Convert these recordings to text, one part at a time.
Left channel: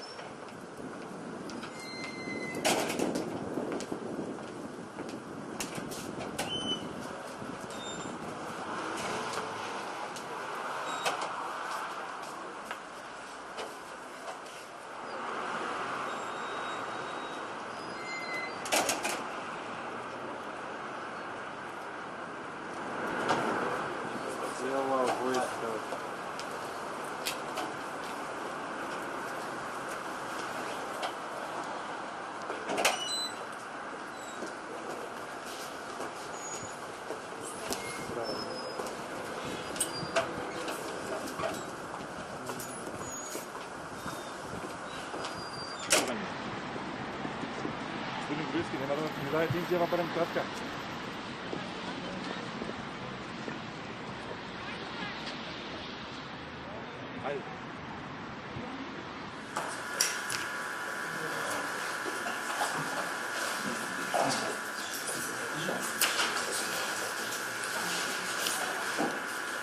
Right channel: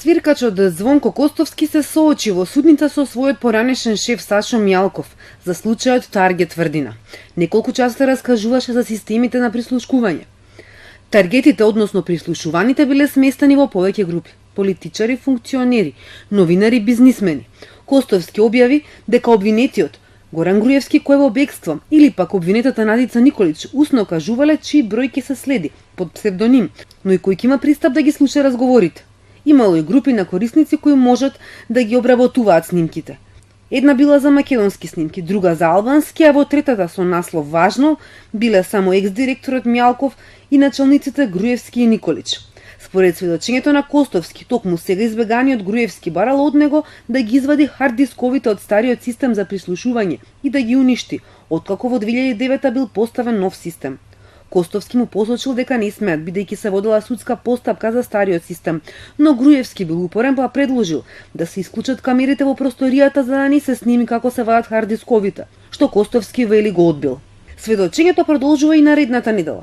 Свиркачот Звонко Костовски се соочи во судница со својот поранешен шеф Сашо Мјалков за случајот Таргет тврдина. Неколку часа раскажуваше за системите на прислушкување. Таргетите, односно прислушуваните, биле сместени во повеќе групи: политичари, функционери, новинари, бизнисмени. Костовски објави дека обвинетиот Горан Груевски, кој е во бегство, или пак обвинетата Надица Николич усно кажувале чии број ќе се следи под псевдоним, но и кој ќе има пристап да ги слуша разговорите. Имало и групи на корисници кои можат да ги обработуваат снимките. Една била за македонски снимки, друга за албански, а во третата со наслов важно биле само екс-директорот Мјалков и началниците Груевски и Николич. Според сведочењето на Костовски, токму сега избеганиот Груевски барал од него да ги извади хард-дисковите од стариот систем за прислушување и да ги уништи, откако во 2009 бил поставен нов систем. Костовски му посочил дека не смеат, бидејќи се водела судска постапка за стариот систем, но Груевски бил упорен па предложил да се исклучат камерите во просторијата за да не се сними како се вадат хард-дисковите, што Костовски вели го одбил. Сведочењето продолжува и наредната недела.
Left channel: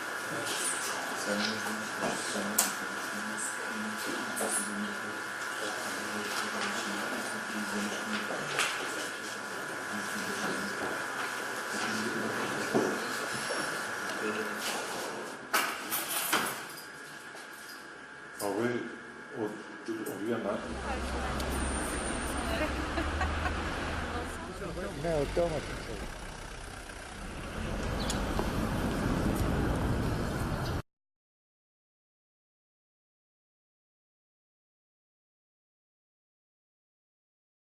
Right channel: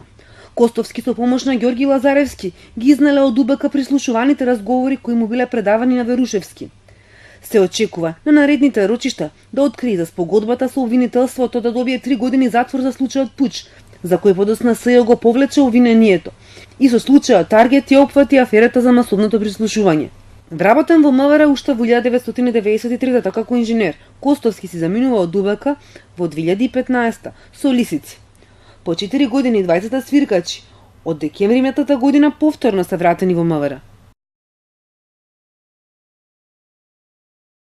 Костовски со помош на Ѓорги Лазаревски ги изнале од УБК прислушуваните разговори кои му биле предавани на Верушевски. Се очекува на наредните рочишта да открие за спогодбата со обвинителството да добие 3 години затвор за случајот Пуч, за кој подосна СЈО го повлече обвинението, и со случајот Таргет ја опфати аферата за масовното прислушување. Вработен во МВР уште во 1993 како инженер, Костовски си заминува од УБК во 2015 со лисици. По 4 години двајцата свиркачи од декември метата година повторно се вратени во МВР.